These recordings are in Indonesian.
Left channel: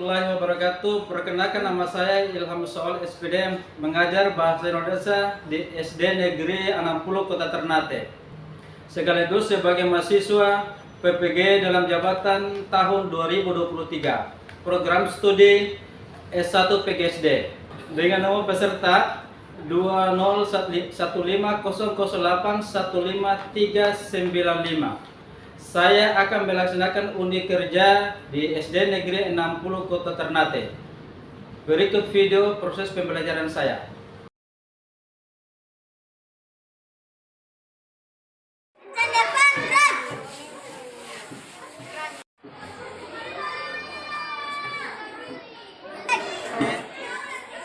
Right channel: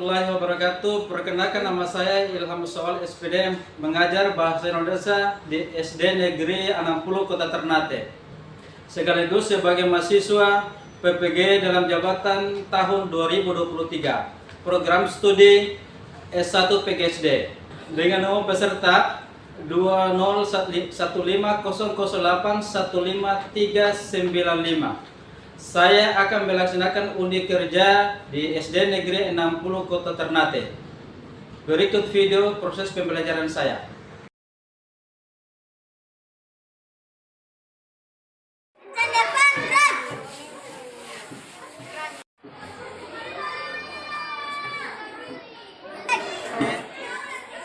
warahmatullahi wabarakatuh. Perkenalkan, nama saya Ilham Soal SPD, mengajar bahasa Indonesia di SD Negeri 60 Kota Ternate. Sekaligus sebagai mahasiswa PPG dalam jabatan tahun 2023. Program studi S1 PGSD. Dengan nomor peserta 20150081595. Saya akan melaksanakan undi kerja di SD Negeri 60 Kota Ternate. Berikut video proses pembelajaran saya.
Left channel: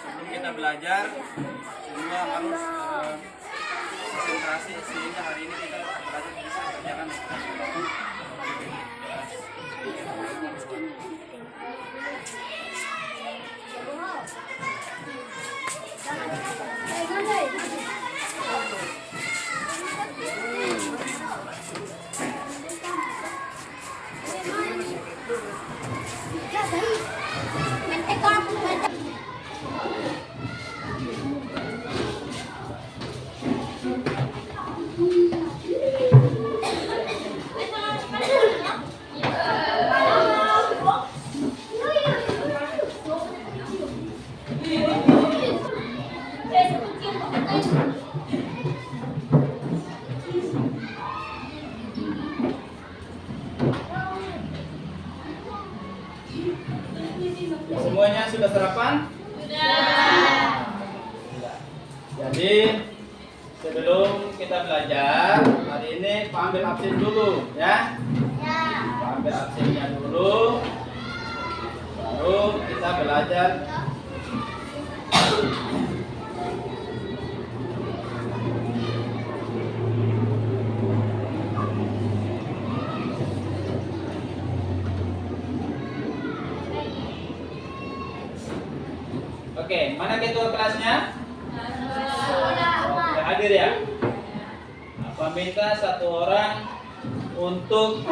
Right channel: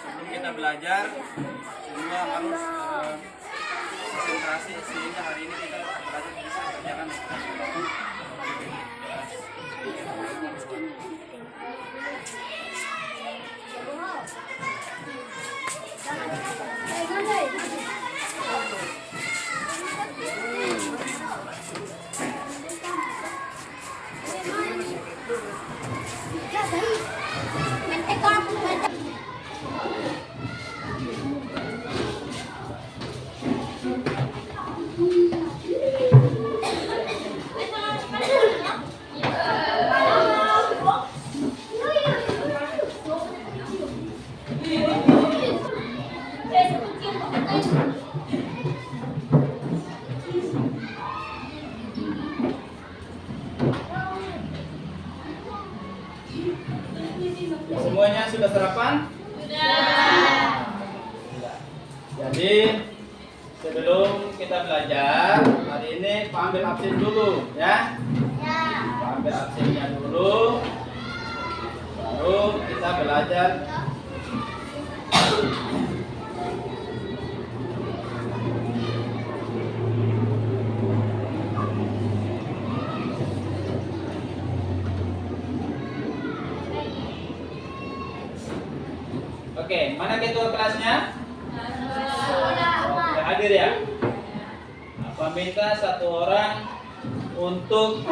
Sebelum kita belajar, semua harus konsentrasi sehingga hari ini kita belajar bisa berjalan. Semuanya sudah sarapan? Sudah. Jadi sebelum kita belajar hari ini, Pak ambil absen dulu ya. Pak ambil absennya dulu, baru kita belajar. Oke, mana ketua kelasnya? Oke, hadir ya. Apa minta satu orang untuk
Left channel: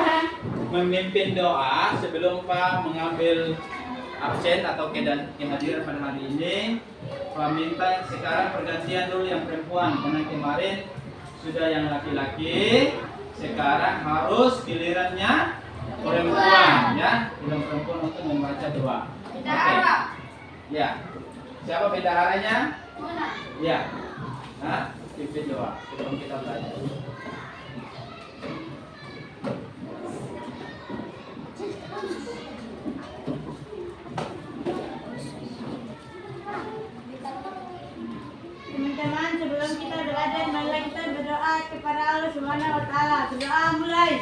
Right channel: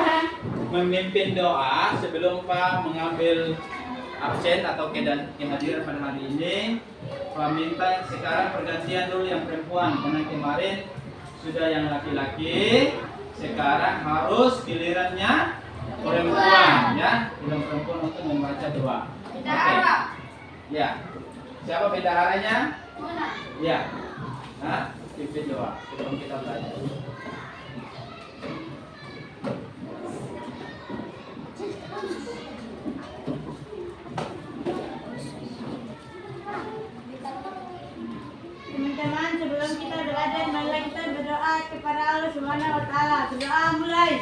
memimpin doa sebelum Pak mengambil absen atau kehadiran pada hari ini. Pak minta sekarang pergantian dulu yang perempuan, karena kemarin sudah yang laki-laki, sekarang harus gilirannya perempuan ya, giliran perempuan untuk membaca doa. Oke. Ya. Siapa bendaharanya? Ya. Nah, pimpin doa sebelum kita belajar. Teman-teman, sebelum kita belajar, marilah kita berdoa kepada Allah Subhanahu wa taala. Berdoa mulai.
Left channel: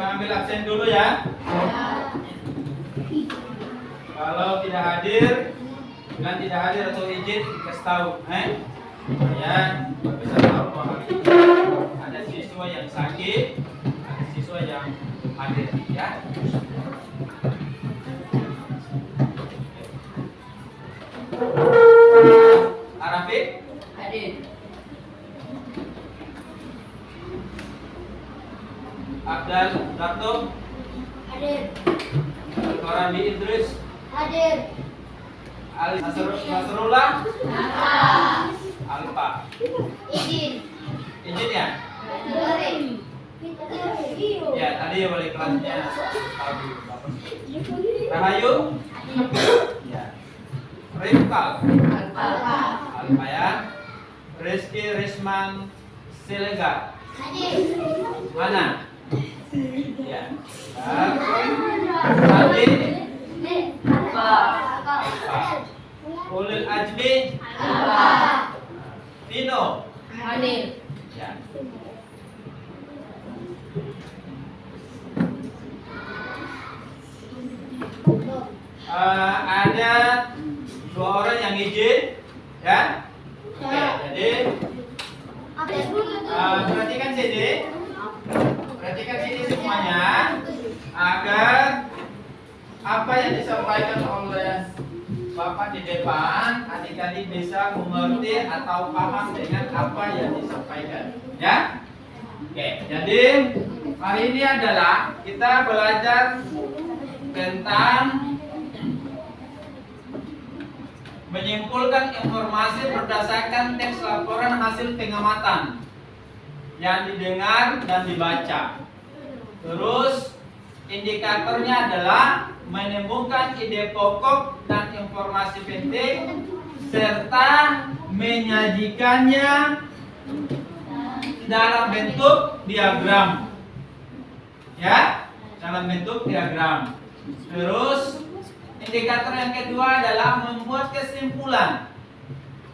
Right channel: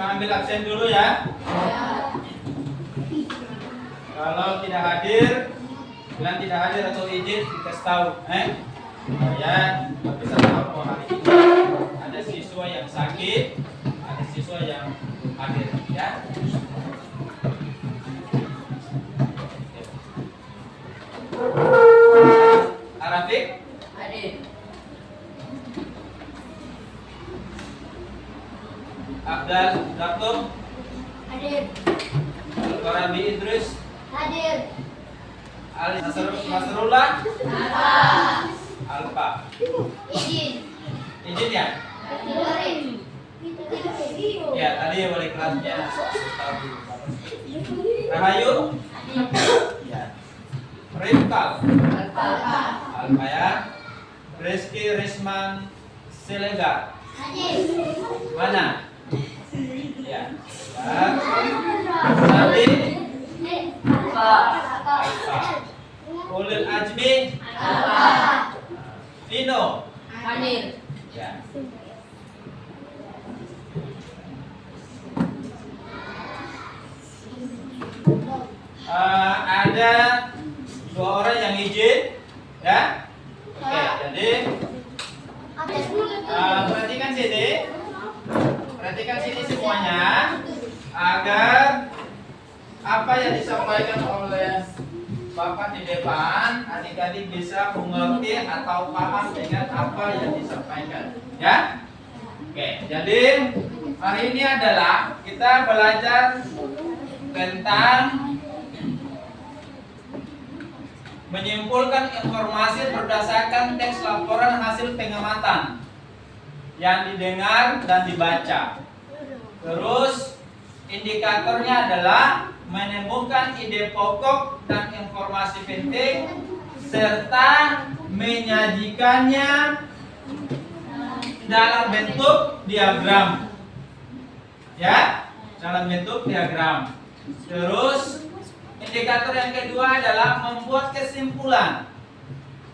Ambil absen dulu ya. Kalau tidak hadir, bilang tidak hadir atau izin dikasih tahu, supaya bisa tahu bahwa hari ini ada siswa yang sakit, ada siswa yang belum hadir ya. Arafik hadir. Abdal Darto hadir. Farami Idris hadir. Nasrullah. Alfa. Izin ya? Ya, tadi wali kelasnya Rahayu. Ya. Rifkal. Alfa ya. Rizky Risman Silega. Mana? Ya. Tadi Alfa. Ulil Ajmi. Vino. Ya. Ada 2 orang yang izin, ya. Oke, jadi perhatikan sini semuanya agar apa yang disampaikan oleh Bapak di depan adik-adik bisa mengerti atau paham dengan apa yang disampaikan, ya. Oke, jadi hari ini adalah kita belajar tentang menyimpulkan informasi berdasarkan teks laporan hasil pengamatan yang didengar dan dibaca. Terus indikatornya adalah menemukan ide pokok dan informasi penting serta menyajikannya dalam bentuk diagram. Ya, dalam bentuk diagram. Terus indikator yang kedua adalah membuat kesimpulan.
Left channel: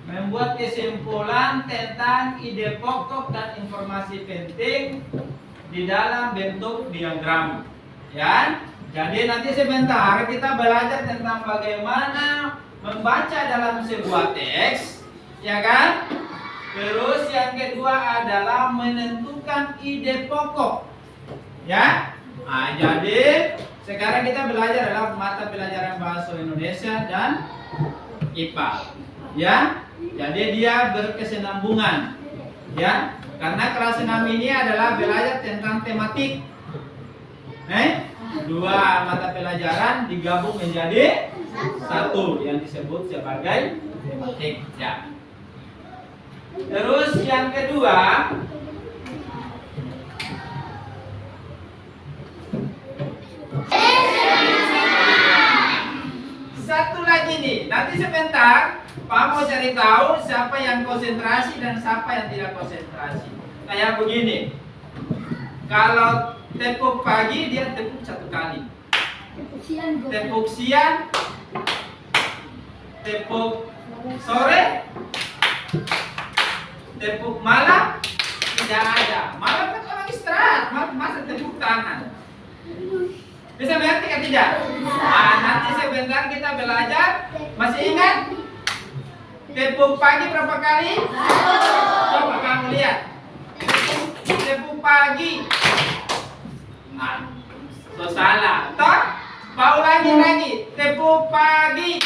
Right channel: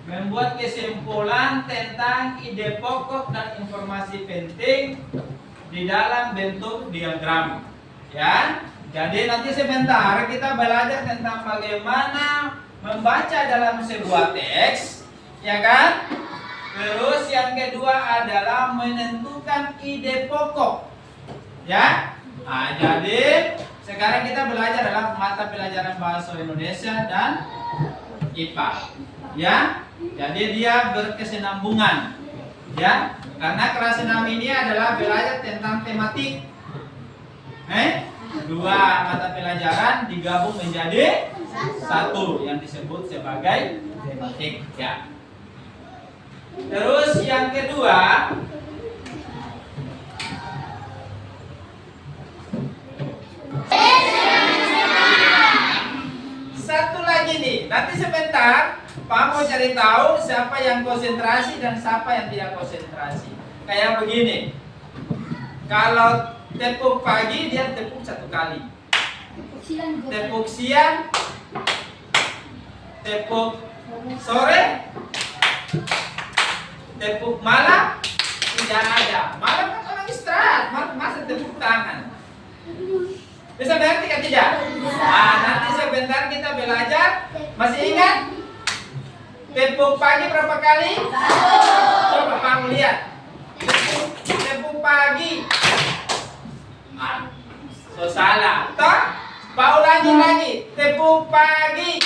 Membuat kesimpulan tentang ide pokok dan informasi penting di dalam bentuk diagram. Ya. Jadi nanti sebentar kita belajar tentang bagaimana membaca dalam sebuah teks, ya kan? Terus yang kedua adalah menentukan ide pokok. Ya. Nah, jadi sekarang kita belajar dalam mata pelajaran bahasa Indonesia dan IPA. Ya. Jadi dia berkesinambungan. Ya. Karena kelas 6 ini adalah belajar tentang tematik. 2 mata pelajaran digabung menjadi 1 yang disebut sebagai tematik, ya. Terus yang kedua, satu lagi nih, nanti sebentar Pak mau cari tahu siapa yang konsentrasi dan siapa yang tidak konsentrasi. Kayak begini, kalau tepuk pagi dia tepuk 1 kali, tepuk siang, tepuk sore, tepuk malam tidak ada. Malam kan orang istirahat, masa tepuk tangan. Bisa mengerti kan tidak? Nah, nanti sebentar kita belajar. Masih ingat? Tepuk pagi berapa kali? Coba kamu lihat. Tepuk pagi. So salah. Toh? Mau lagi. Tepuk pagi.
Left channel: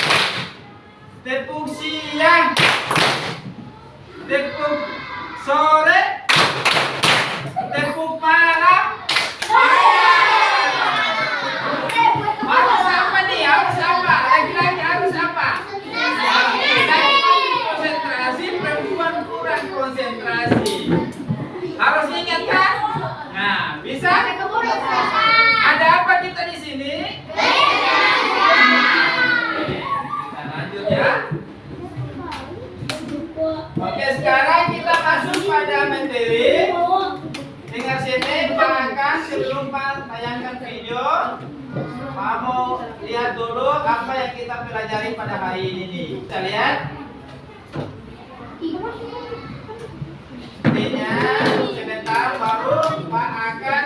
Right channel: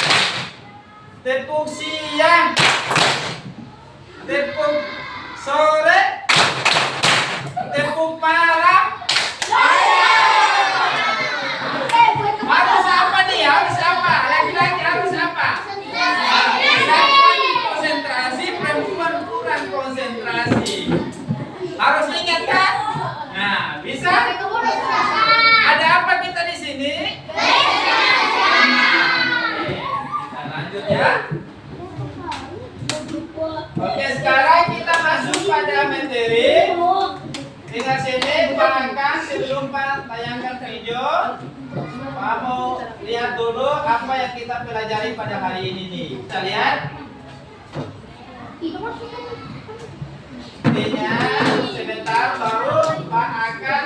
Tepuk siang. Tepuk sore. Tepuk malam. Harus apa nih? Harus apa? Lagi-lagi harus apa? Konsentrasi, perempuan kurang konsentrasi. Harus ingat kan? Nah, bisa? Ada apa kita di sini? Kita lanjut ya. Oke, sekarang kita masuk pada materi. Dengar sini, bayangkan sebelum Pak tayangkan video, Pak mau lihat dulu apa yang kita pelajari pada hari ini nih. Kita lihat. Intinya sebentar baru Pak akan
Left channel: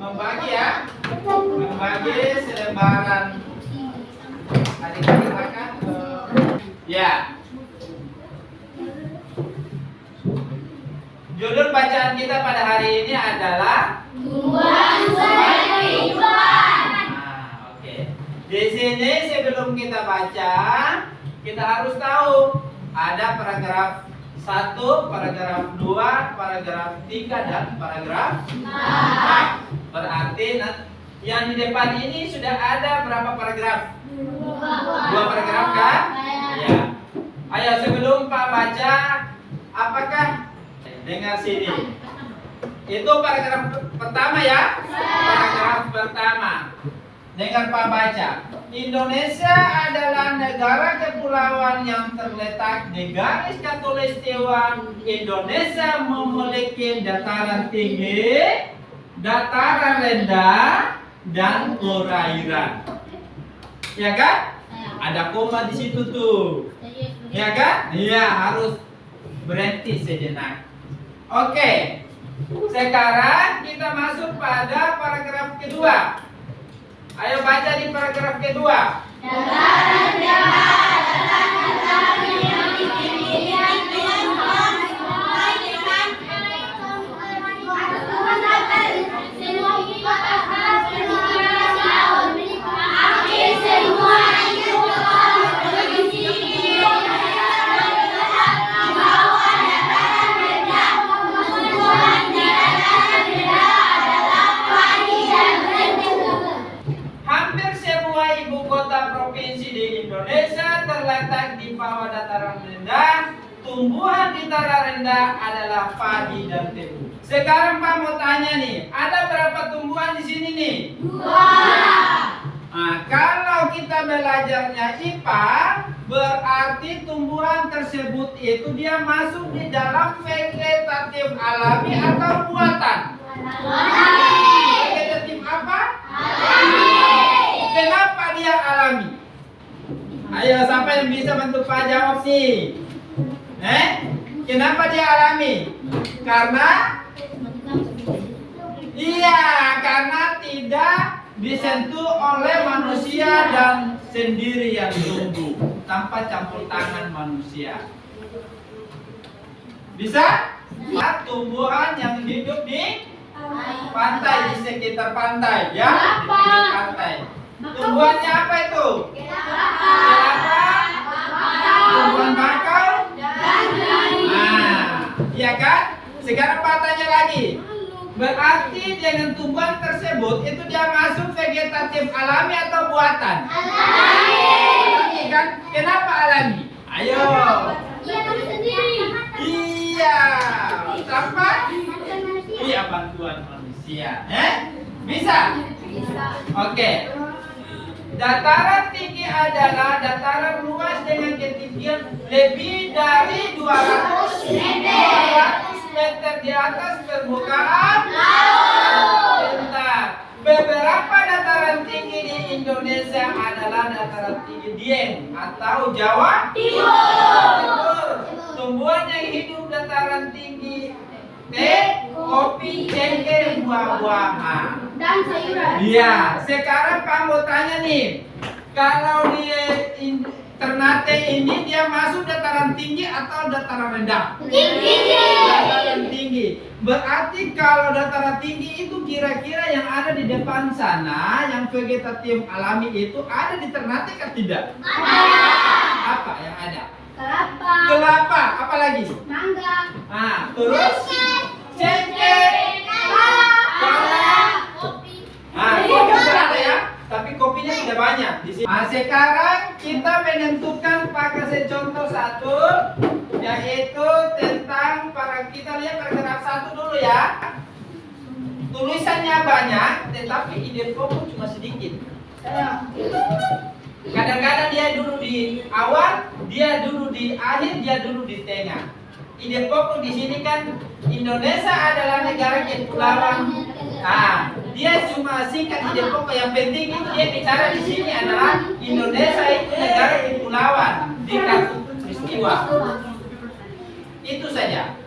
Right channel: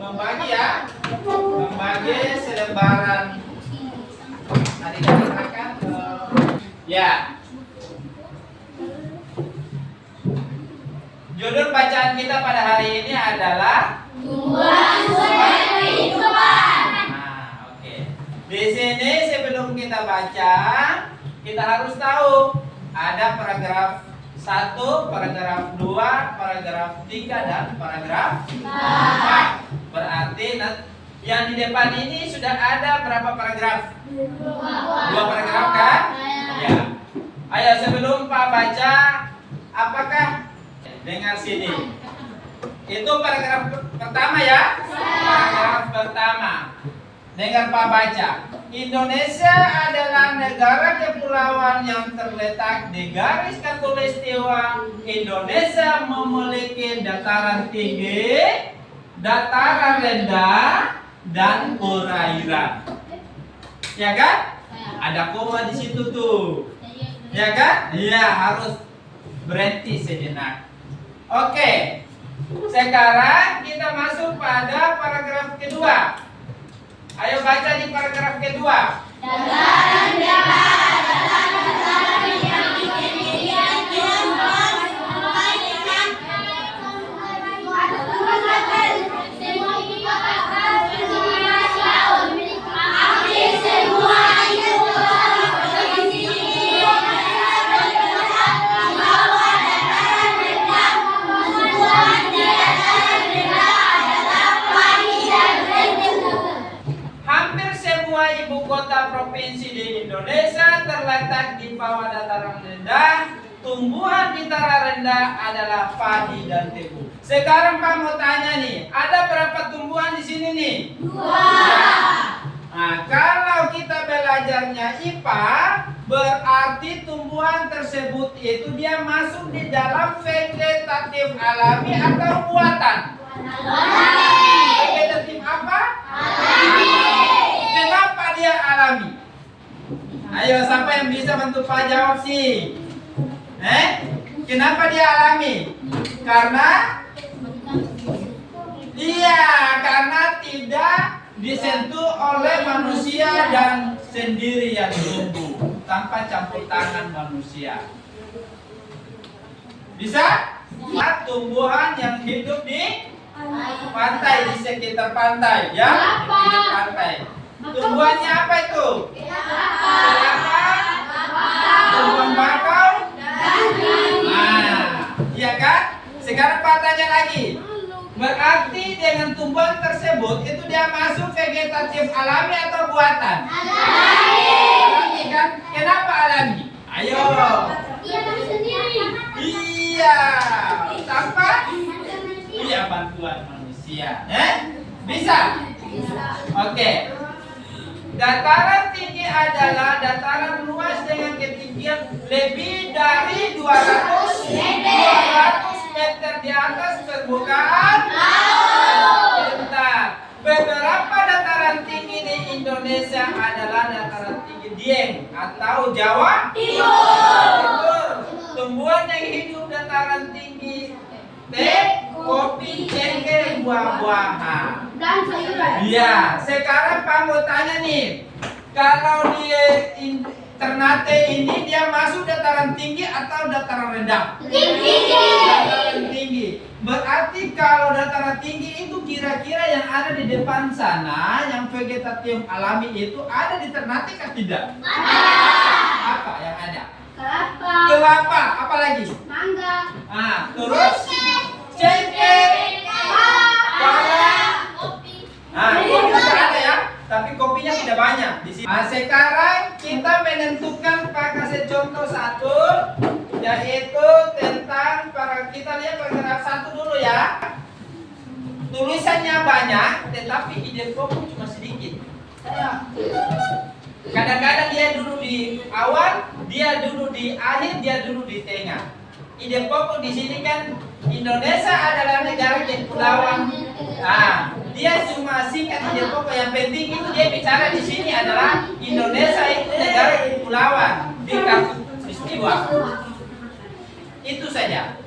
membagi ya, membagi selembaran. Adik-adik akan ya. Judul bacaan kita pada hari ini adalah Tumbuhan kehidupan. Nah, oke. Di sini sebelum kita baca, kita harus tahu ada paragraf 1, paragraf 2, paragraf 3 dan paragraf 4. Berarti Yang di depan ini sudah ada berapa paragraf? 2 paragraf kan? Ya. Ayo sebelum Pak baca, apakah dengar sini? Itu paragraf pertama ya? Paragraf pertama. Dengar Pak baca. Indonesia adalah negara kepulauan yang terletak di garis khatulistiwa. Indonesia memiliki dataran tinggi, dataran rendah, dan perairan. Ya kan? Ada koma di situ tuh. Ya kan? Iya, harus berhenti sejenak. Oke. Sekarang kita masuk pada paragraf kedua. Ayo baca di paragraf kedua. Dataran rendah, dataran yang ketinggian Hampir semua ibu kota provinsi di Indonesia terletak di bawah dataran rendah. Tumbuhan di dataran rendah adalah padi dan tebu. Sekarang Pak mau tanya nih, ada berapa tumbuhan di sini nih? 2. Nah, kalau kita belajarnya IPA, berarti tumbuhan tersebut itu dia masuk di dalam vegetatif alami atau buatan? Vegetatif apa? Kenapa dia alami? Ayo, siapa yang bisa bantu Pak jawab sih? Kenapa dia alami? Karena karena tidak disentuh oleh manusia dan sendiri yang tumbuh tanpa campur tangan manusia. Bisa? Tumbuhan yang hidup di pantai, di sekitar pantai, ya, di pinggir pantai. Tumbuhannya apa itu? Kelapa, tumbuhan bakau, iya kan? Sekarang Pak tanya lagi. Berarti dengan tumbuhan tersebut itu dia masuk vegetatif alami atau buatan? Alami kan? Kenapa alami? Ayo. Iya. Tanpa? Iya, bantuan manusia. Bisa? Oke. Dataran tinggi adalah dataran luas dengan ketinggian lebih dari 200 meter di atas permukaan laut. Beberapa dataran tinggi di Indonesia adalah dataran tinggi Dieng atau Jawa Timur. Tumbuhan yang hidup dataran tinggi teh, kopi, cengkeh, buah-buahan. dan sayuran. Iya, sekarang Pak mau tanya nih, kalau dia Ternate ini dia masuk dataran tinggi atau dataran rendah? Tinggi. Dataran tinggi. Berarti kalau dataran tinggi itu kira-kira yang ada di depan sana, yang vegetatif alami itu ada di Ternate atau tidak? Ada. Apa yang ada? Kelapa. Kelapa, apa lagi? Mangga. Terus cengkeh, pala. Kopi. Kopi sudah ada ya, tapi kopinya tidak banyak di sini. Sekarang kita menentukan Pak kasih contoh satu, yaitu tentang kita lihat paragraf 1 dulu ya. Tulisannya banyak, tetapi ide pokok cuma sedikit. Kadang-kadang dia dulu di awal, dia dulu di akhir, dia dulu di tengah. Ide pokok di sini kan Indonesia adalah negara kepulauan. Dia cuma singkat ide pokok. Yang penting itu dia bicara di sini adalah Indonesia itu negara kepulauan di khatulistiwa. Itu saja.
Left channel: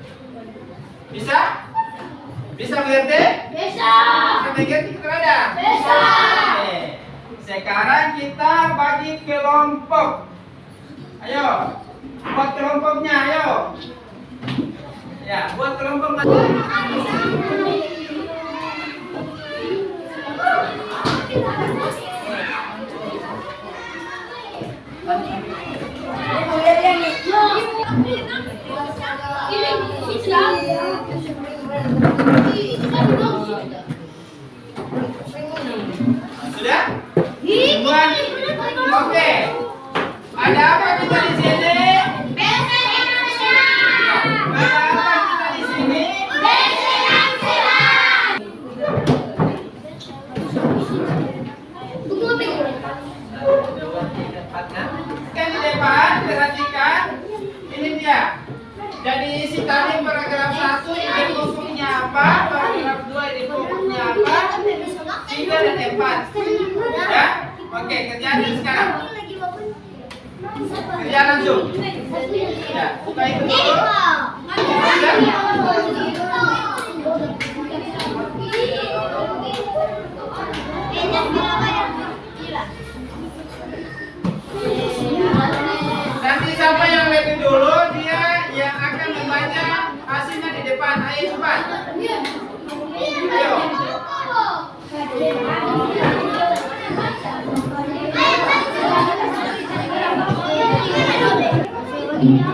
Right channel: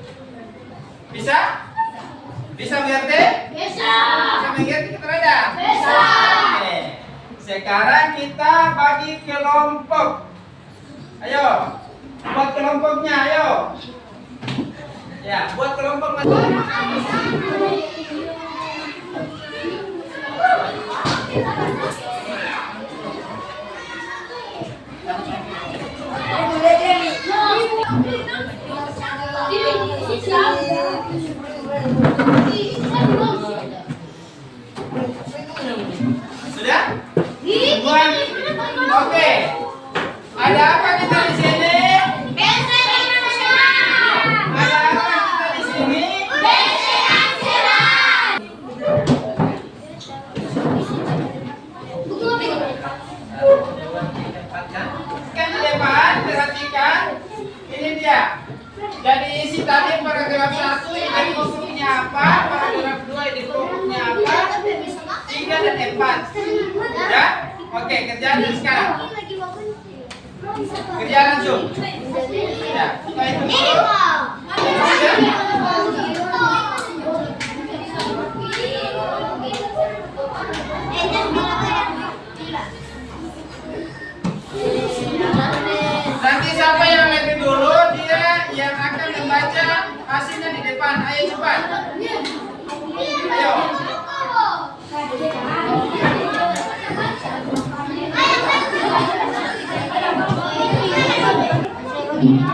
Bisa? Bisa mengerti? Bisa. Bisa mengerti keterangan? Bisa. Oke. Sekarang kita bagi kelompok. Ayo, buat kelompoknya, ayo. Ya, buat kelompok. Ada apa kita di sini? Bahasa Indonesia. Ada apa kita di sini? Kan di depan, perhatikan. Ini dia. Jadi isi tadi paragraf 1 ide pokoknya apa? Paragraf 2 ide pokoknya apa? 3 dan 4. Ya? Oke, kerjaan sekarang. Kerja langsung. Ya, buka itu dulu. Nanti siapa yang lebih dulu dia yang akan membaca hasilnya di depan. Ayo cepat. Ayo.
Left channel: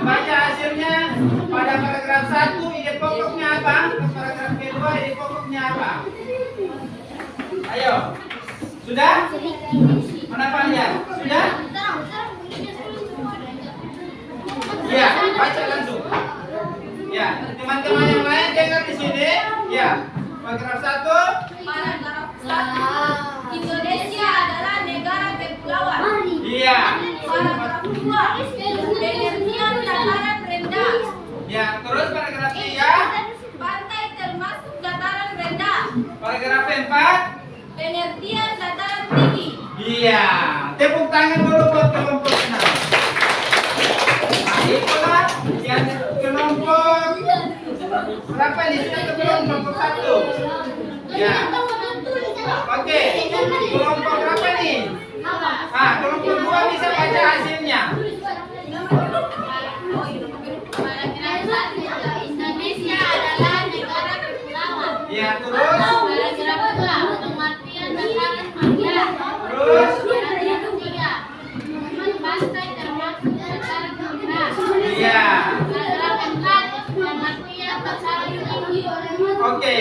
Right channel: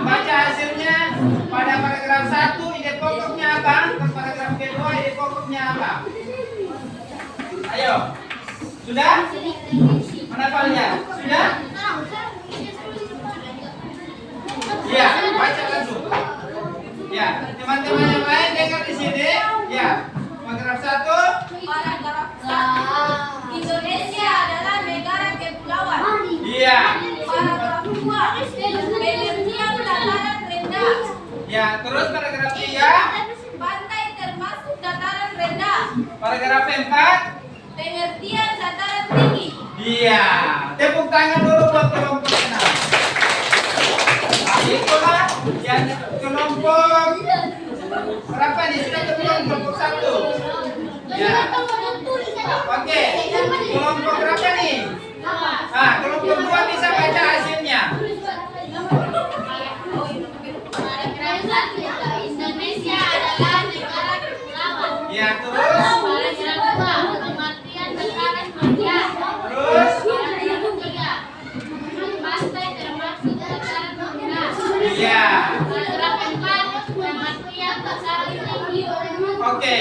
Baca hasilnya pada paragraf 1 ide pokoknya apa? Paragraf kedua ide pokoknya apa? Ayo. Sudah? Mana filenya? Sudah? Ya, baca langsung. Ya, teman-teman yang lain dengar di sini. Ya, paragraf 1. Paragraf 1. Indonesia adalah negara kepulauan. Iya. Paragraf 2. Pengertian dataran rendah. Ya, terus paragraf 3. Pantai termasuk dataran rendah. Paragraf 4. Pengertian dataran tinggi. Iya. Tepuk tangan dulu buat kelompok 6. Itulah yang kelompok berapa nih? Sudah ketemu kelompok 1. Ya. Oke. Kelompok berapa nih? Kelompok 2 bisa baca hasilnya. Indonesia adalah negara kepulauan. Ya, terus. Paragraf 2. Pengertian dataran rendah. Terus. Paragraf 3. Pantai termasuk dataran rendah. Iya. Paragraf 4. Pengertian dataran tinggi. Oke.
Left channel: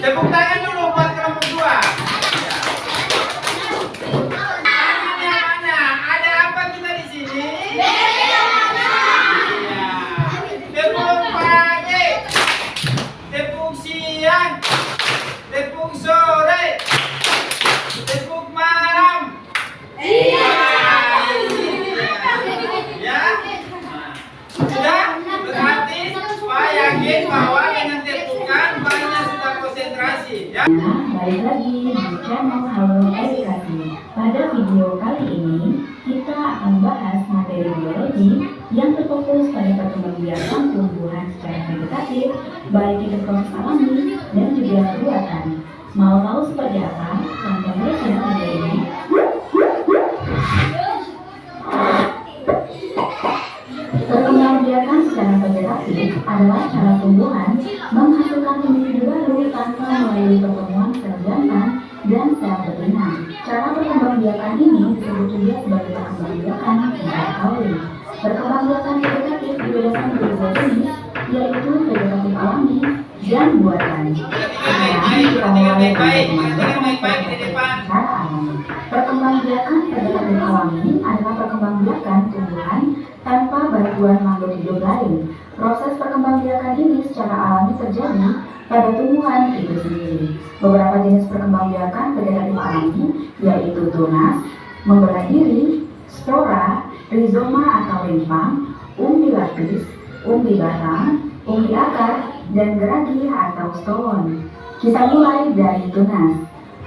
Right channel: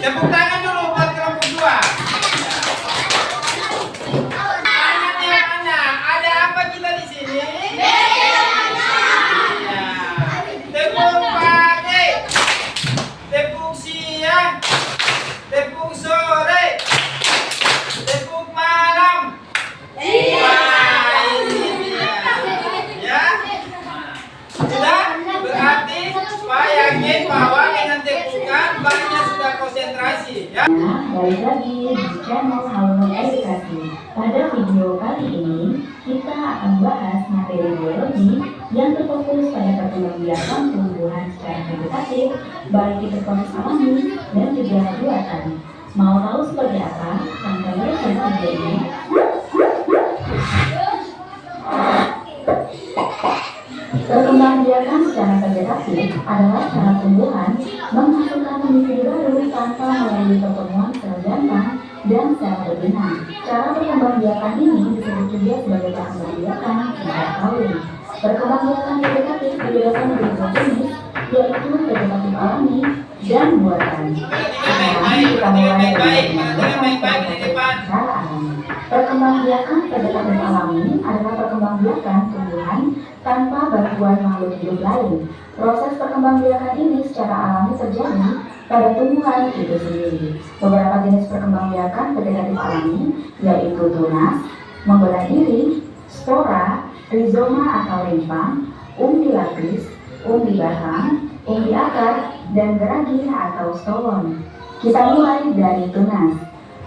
Tepuk tangan dulu buat kelompok 2. Tangan yang mana? Ada apa kita di sini? Iya. Tepuk pagi. Tepuk siang. Tepuk sore. Tepuk malam. Wah, ini dia. Ya. Sudah? Berarti Pak yakin bahwa dengan tepukan Mbaknya sudah konsentrasi. Ya. Balik lagi di channel Halo Edukasi. Pada video kali ini kita akan bahas materi biologi yang terfokus pada perkembangbiakan tumbuhan secara vegetatif, baik itu proses alami dan juga buatan. Mau tahu seperti apa? Tonton terus video ini. Perkembangbiakan secara vegetatif adalah cara tumbuhan menghasilkan individu baru tanpa melalui pertemuan sel jantan dan sel betina. Cara perkembangbiakan ini disebut juga sebagai perkembangbiakan tidak kawin. Perkembangbiakan vegetatif dibedakan menjadi dua jenis, yaitu vegetatif alami dan buatan. Sekarang kita mulai dari perkembangbiakan vegetatif secara alami. Perkembangbiakan vegetatif alami adalah perkembangbiakan tumbuhan tanpa bantuan makhluk hidup lain. Proses perkembangbiakan ini secara alami terjadi pada tumbuhan itu sendiri. Beberapa jenis perkembangbiakan vegetatif alami yaitu tunas, membelah diri, spora, rizoma atau rimpang, umbi lapis, umbi batang, umbi akar, dan geragi atau stolon. Kita mulai dari tunas.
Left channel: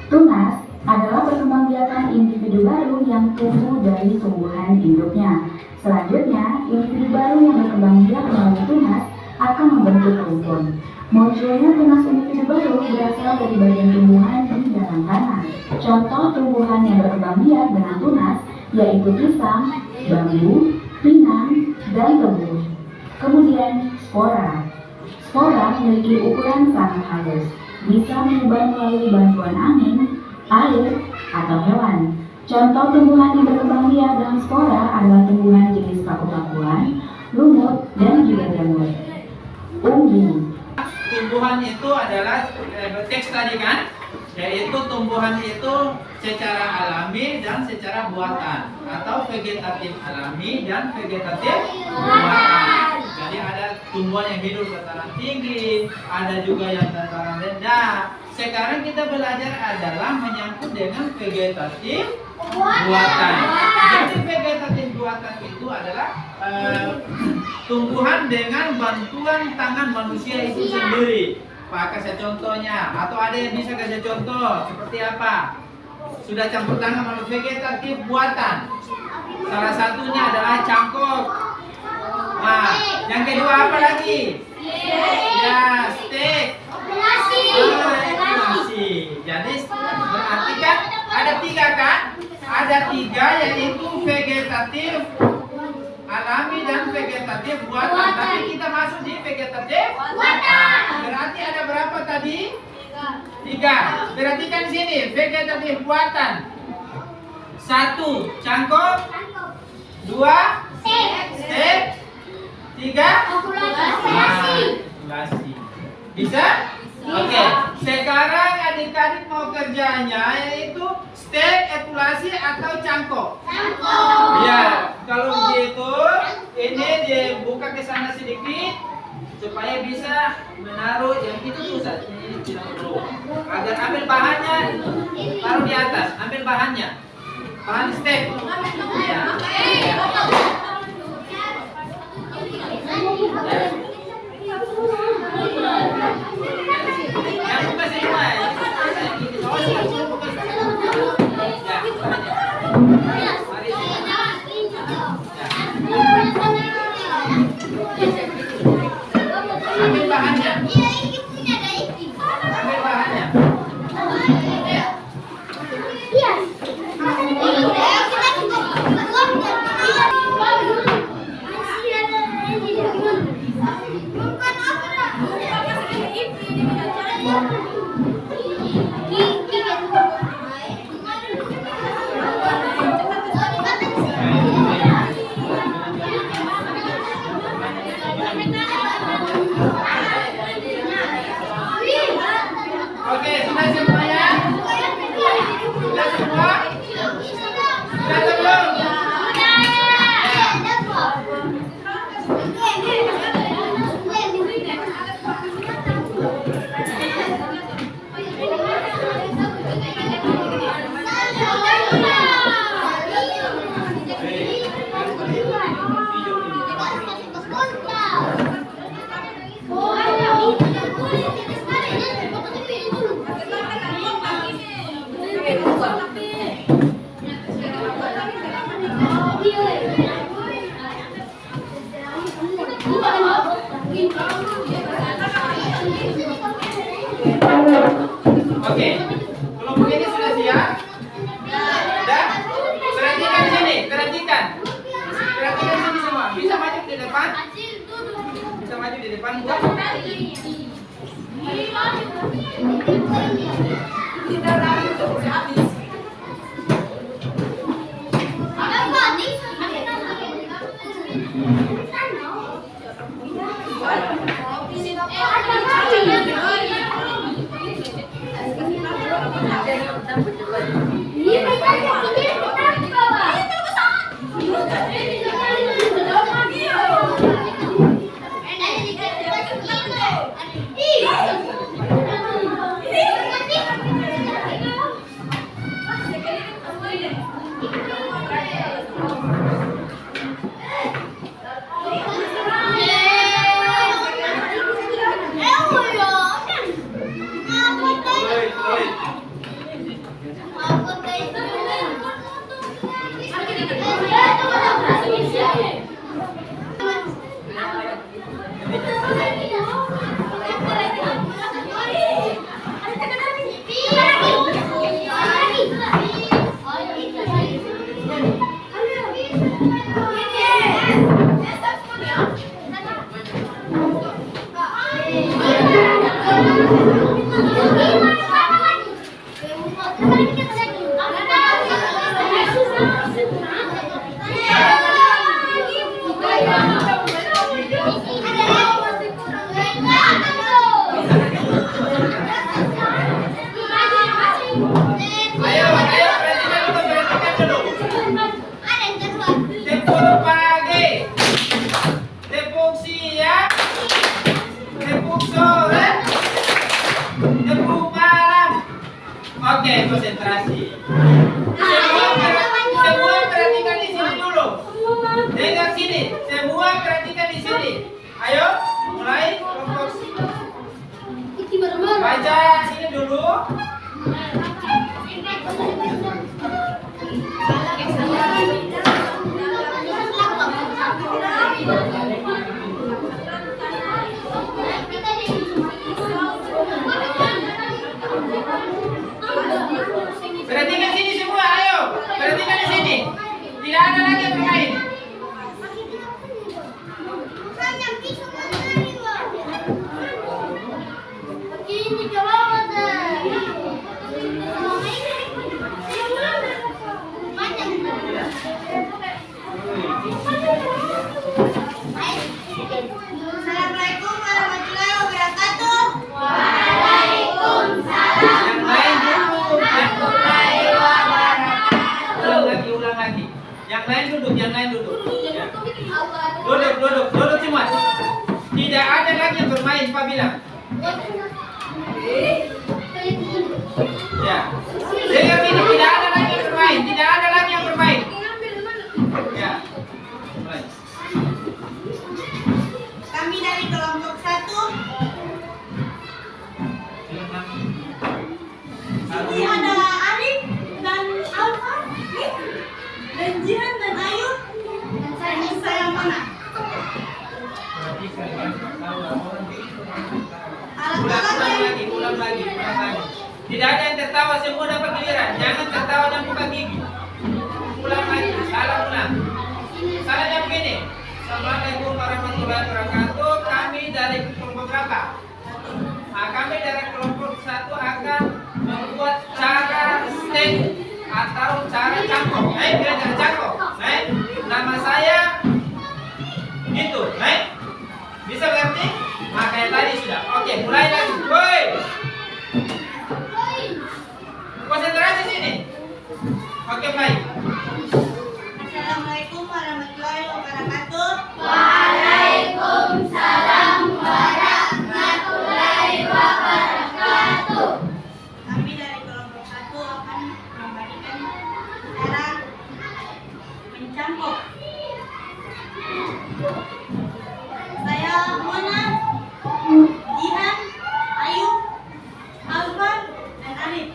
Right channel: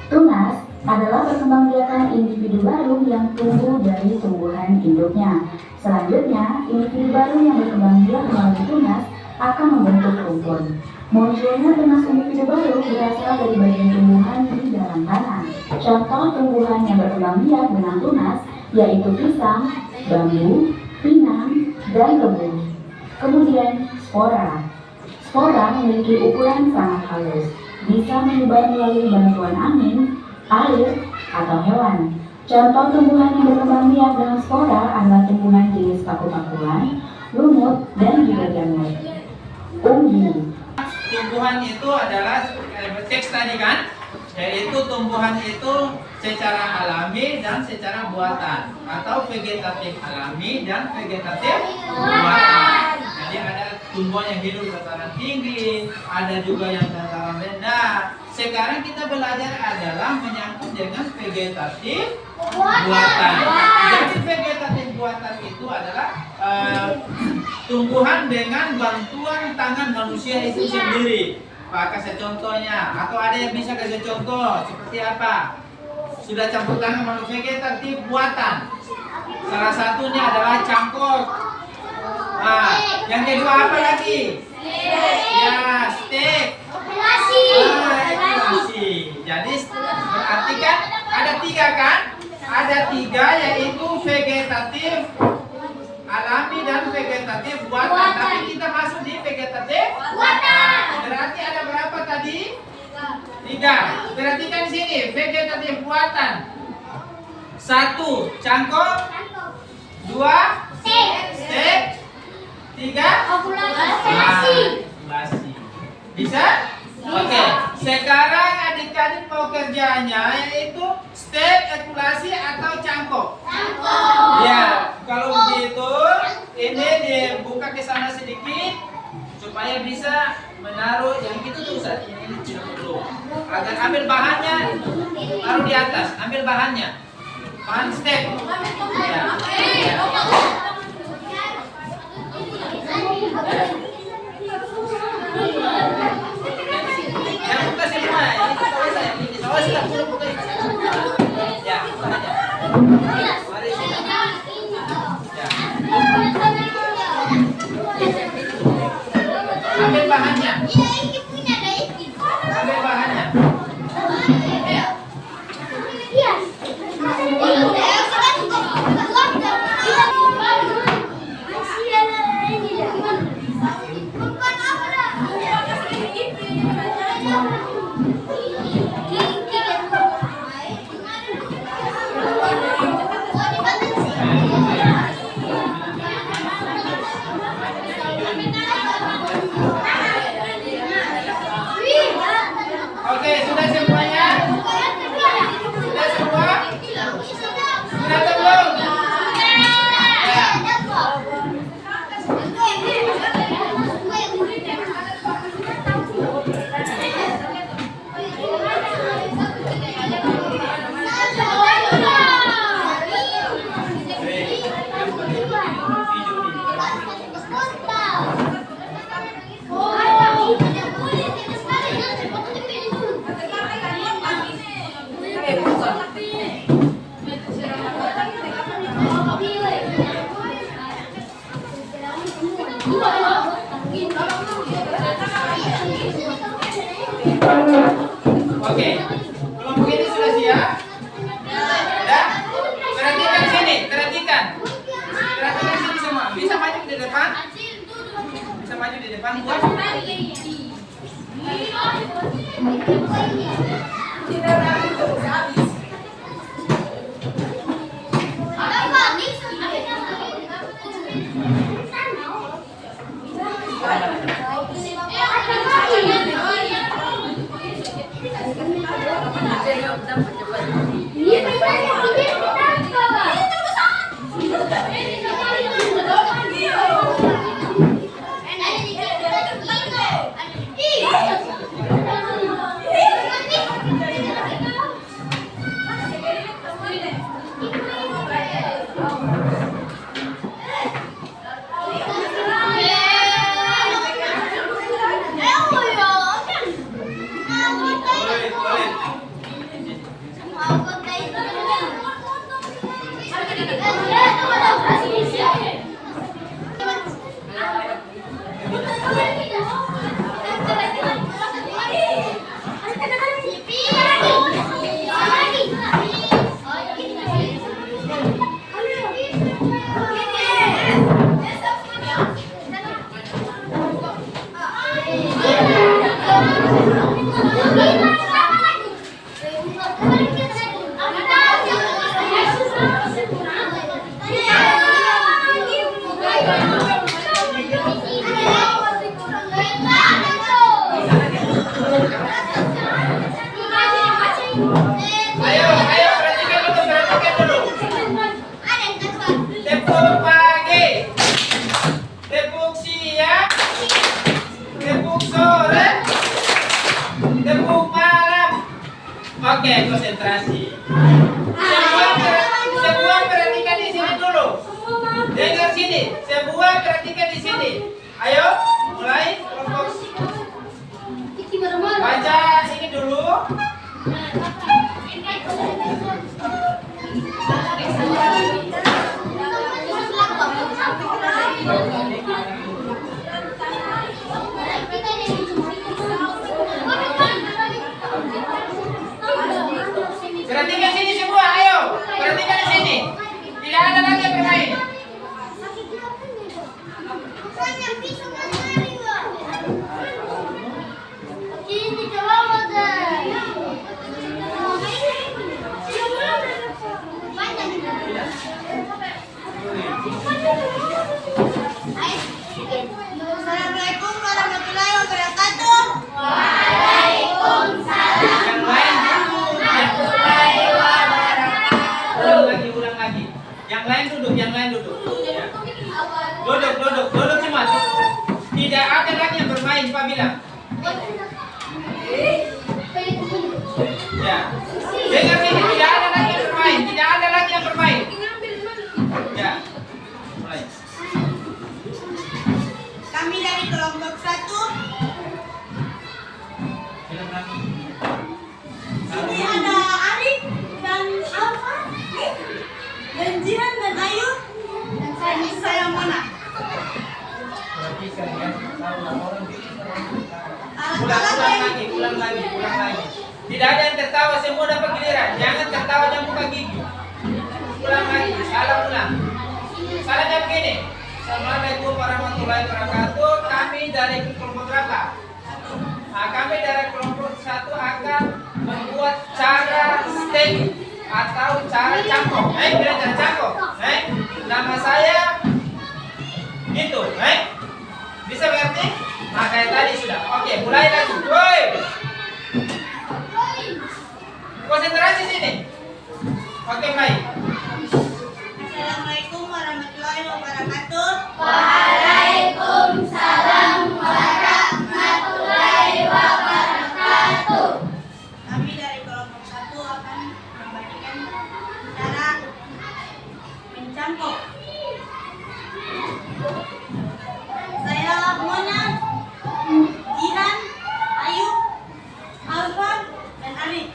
Tunas adalah perkembangbiakan individu baru yang tumbuh dari tumbuhan induknya. Selanjutnya, individu baru yang berkembang biak melalui tunas akan membentuk rumpun. Munculnya tunas individu baru berasal dari bagian tumbuhan di dalam tanah. Contoh tumbuhan yang berkembang biak dengan tunas yaitu pisang, bambu, pinang, dan tebu. Kemudian, spora. Spora memiliki ukuran sangat halus, bisa menyebar melalui bantuan angin, air, atau hewan. Contoh tumbuhan yang berkembang biak dengan spora adalah tumbuhan jenis paku-pakuan, lumut, dan juga jamur. Umbi. Tumbuhan itu adalah teks tadi kan? yaitu tumbuhan itu secara alami dan secara buatan, atau vegetatif alami dan vegetatif buatan. Jadi ada tumbuhan yang hidup dataran tinggi, ada juga yang dataran rendah. Sekarang kita belajar adalah menyangkut dengan vegetatif buatan. Jadi vegetatif buatan itu adalah tumbuhan dengan bantuan tangan manusia itu sendiri. Pak, kasih contohnya, atau ada yang bisa kasih contoh seperti apa? Sudah campur tangan sama vegetatif buatan. Salah satunya adalah cangkok. Nah, yang kedua apa lagi? Ya, steak. Jadi berarti kan ada tiga kan? Ada tiga, yaitu vegetatif alami dan vegetatif buatan. Tapi kita masuk di vegetatif buatan. Berarti ada berapa tadi? Tiga. Perhatikan di sini, vegetatif buatan. 1. Cangkok. 2. Steak. 3. Populasi. Bisa? Oke. Sekarang adik-adik mau kerjanya yaitu steak, ekulasi atau cangkok? Ya, kalau begitu ini dibuka ke sana sedikit supaya bisa menaruh yang itu tuh Ustaz. Ini dulu. Agar ambil bahannya, taruh di atas. Ambil bahannya. Bahan steak. Ya. Ya. Jangan buka semua. Ya, bahannya. Mari sini. Ya. Ambil bahannya. Ambil bahannya. Oke, sudah semuanya? Sudah semua? Sudah belum? Oke, kelompok ini sudah siap? Sudah? Perhatikan di sini, perhatikan. Perhatikan sini semua. Bisa maju di depan? Bisa maju di depan buat? konsentrasi. Semua perhatikan di sini dulu. Dengar sini. Semua perhatikan di sini. Ayo, mulai kelompok. Baca ini dulu. Perhatikan sini semua, ayo. Perhatikan di sini. Tidak ada lagi yang bermain. Assalamualaikum warahmatullahi wabarakatuh. Ulang lagi. Yang lain duduk, yang lain duduk. Ya. Duduk semua. Tidak ada lagi yang bermain, Pak bilang. Ya. Dengar ini, tidak ada lagi yang bermain, tidak ada lagi yang bermain. Ya. Mulai. Kami dari kelompok 1. Ini ada Arif dan Alfa, dan Jihan dan Ayu. Dan saya yang mana? Ulang lagi. Tidak ada yang tertawa, semua dapat giliran. Jangan tertawa dan buka gigi. Ulang lagi, ulang. Salahnya begini. Assalamualaikum warahmatullahi wabarakatuh. Kami dari kelompok berapa? Nah, kami dari kelompok 1 akan membuat cara steak atau cara cangkok. Bilang cara cangkok. Nama saya gitu. Bisa berarti? Nah, kayak tadi sudah. Oke, mulai lagi. Woi. Konsentrasi sini. Oke, baik. Assalamualaikum warahmatullahi wabarakatuh. Waalaikumsalam warahmatullahi wabarakatuh. Kami dari kelompok 1 akan membagikan cara mencangkok. Saya Mona, Jihan, Ayu, Alfa, dan Arif.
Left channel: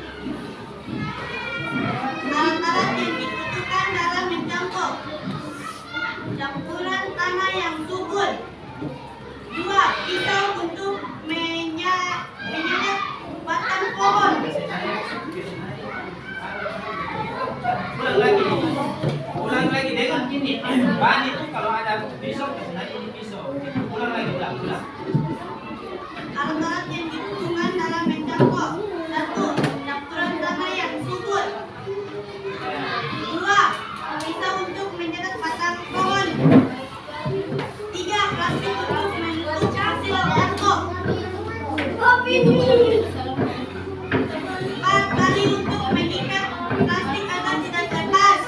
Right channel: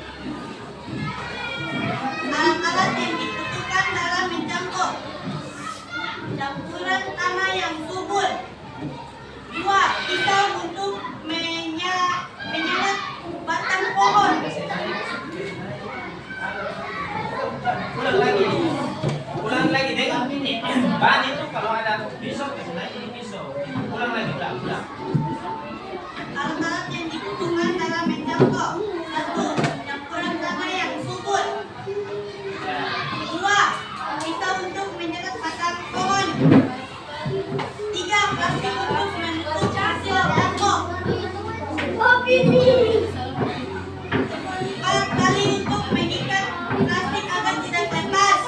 Alat-alat yang dibutuhkan dalam mencangkok: campuran tanah yang subur, 2 pisau untuk menyelet batang pohon, Ulang lagi dengan ini. Bahan itu kalau ada pisau, naik ini pisau. Ulang lagi. alat-alat yang dibutuhkan dalam mencangkok: 1 campuran tanah yang subur, 2 pisau untuk menyelet batang pohon, 3 plastik untuk menutup hasil cangkok, 4 tali untuk mengikat plastik agar tidak lepas,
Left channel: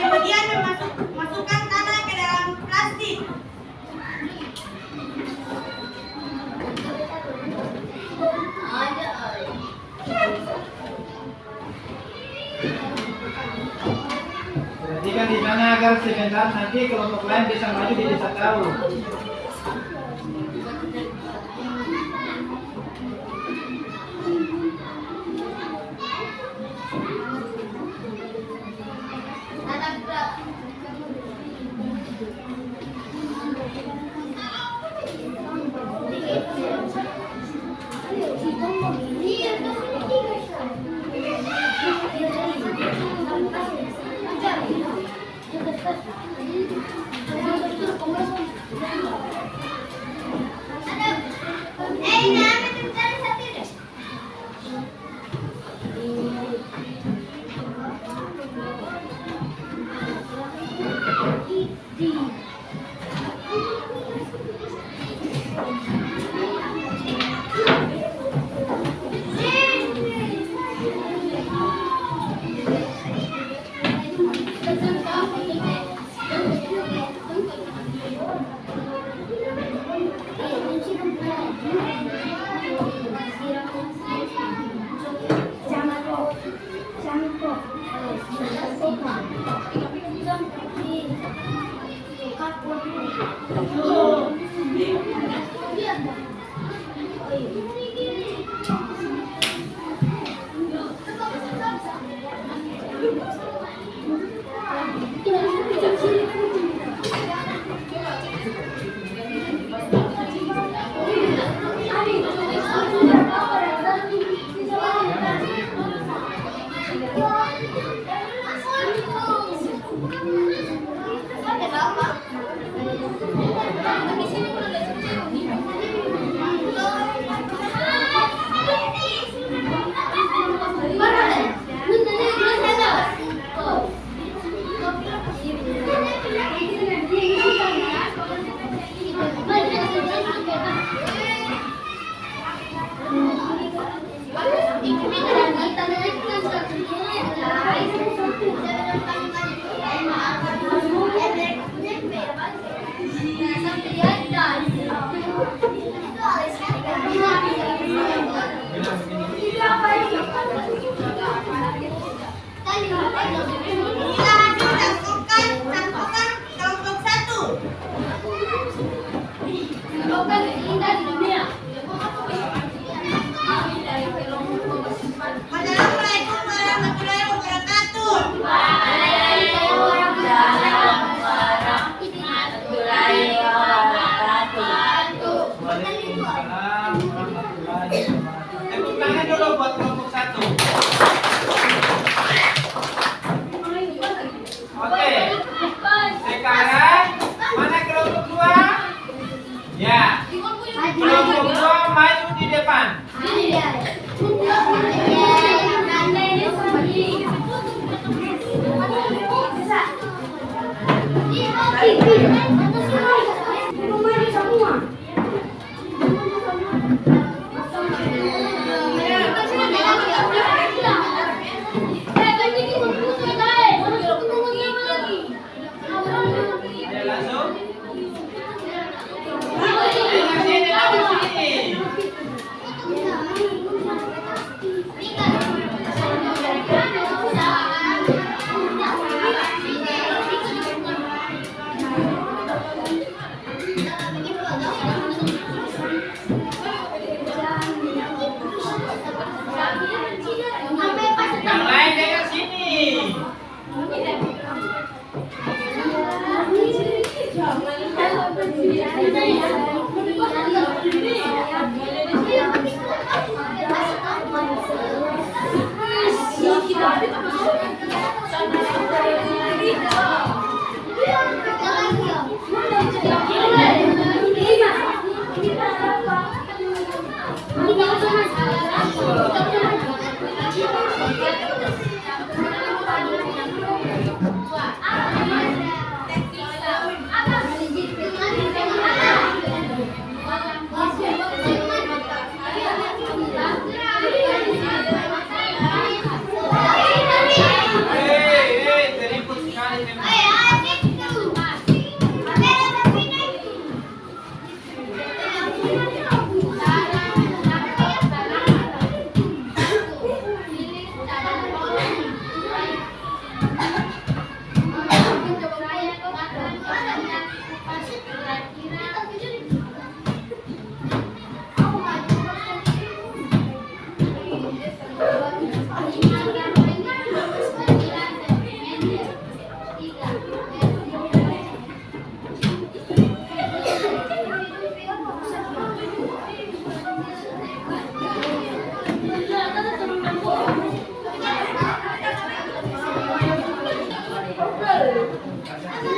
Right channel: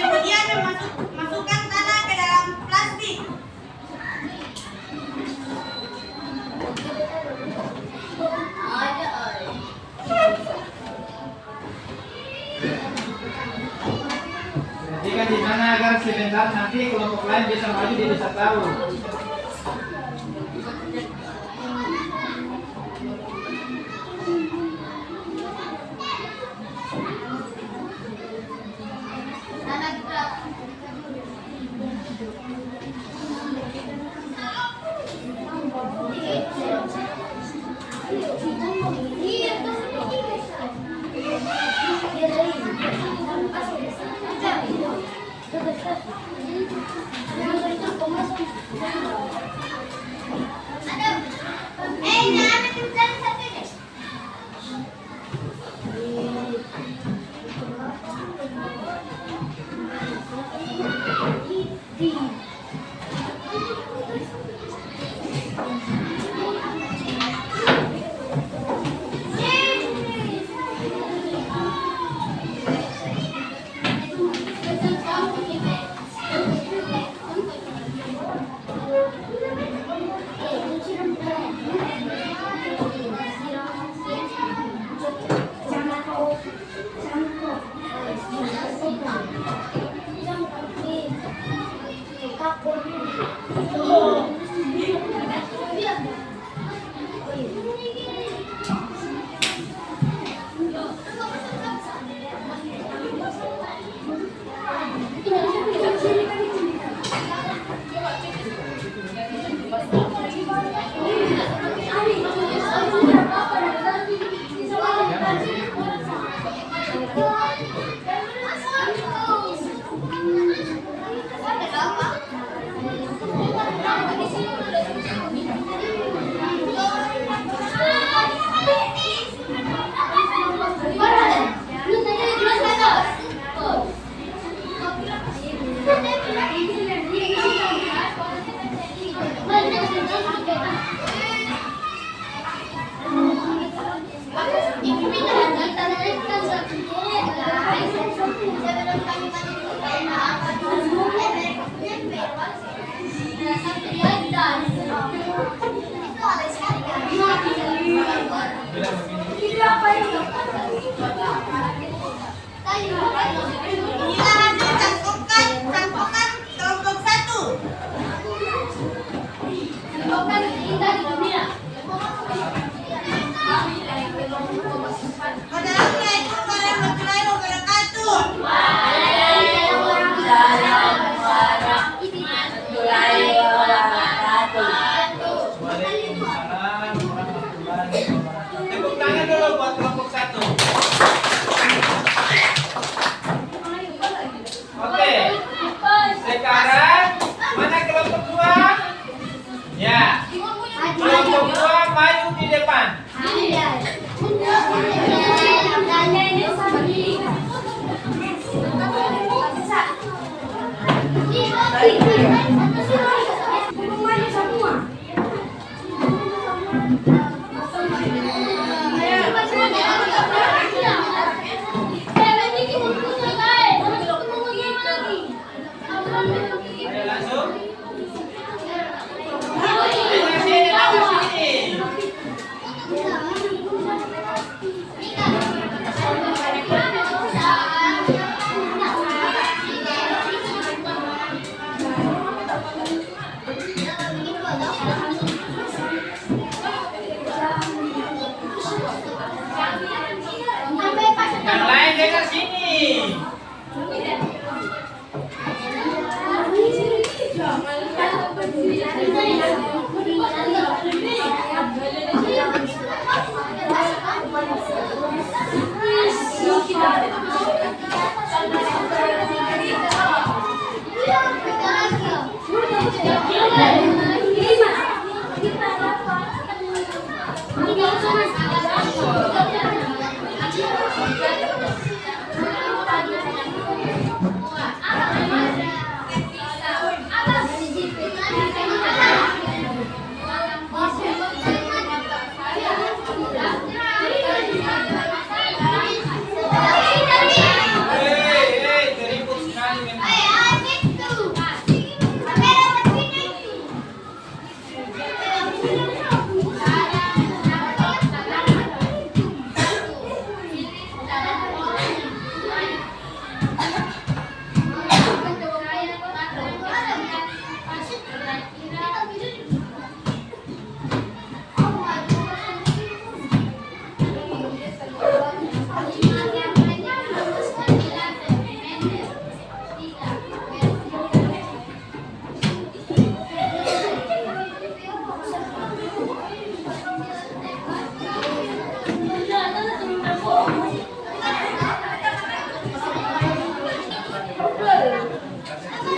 Kemudian masukkan tanah ke dalam plastik. Perhatikan di sana agar sebentar nanti kelompok lain bisa maju, dia bisa tahu. Iya,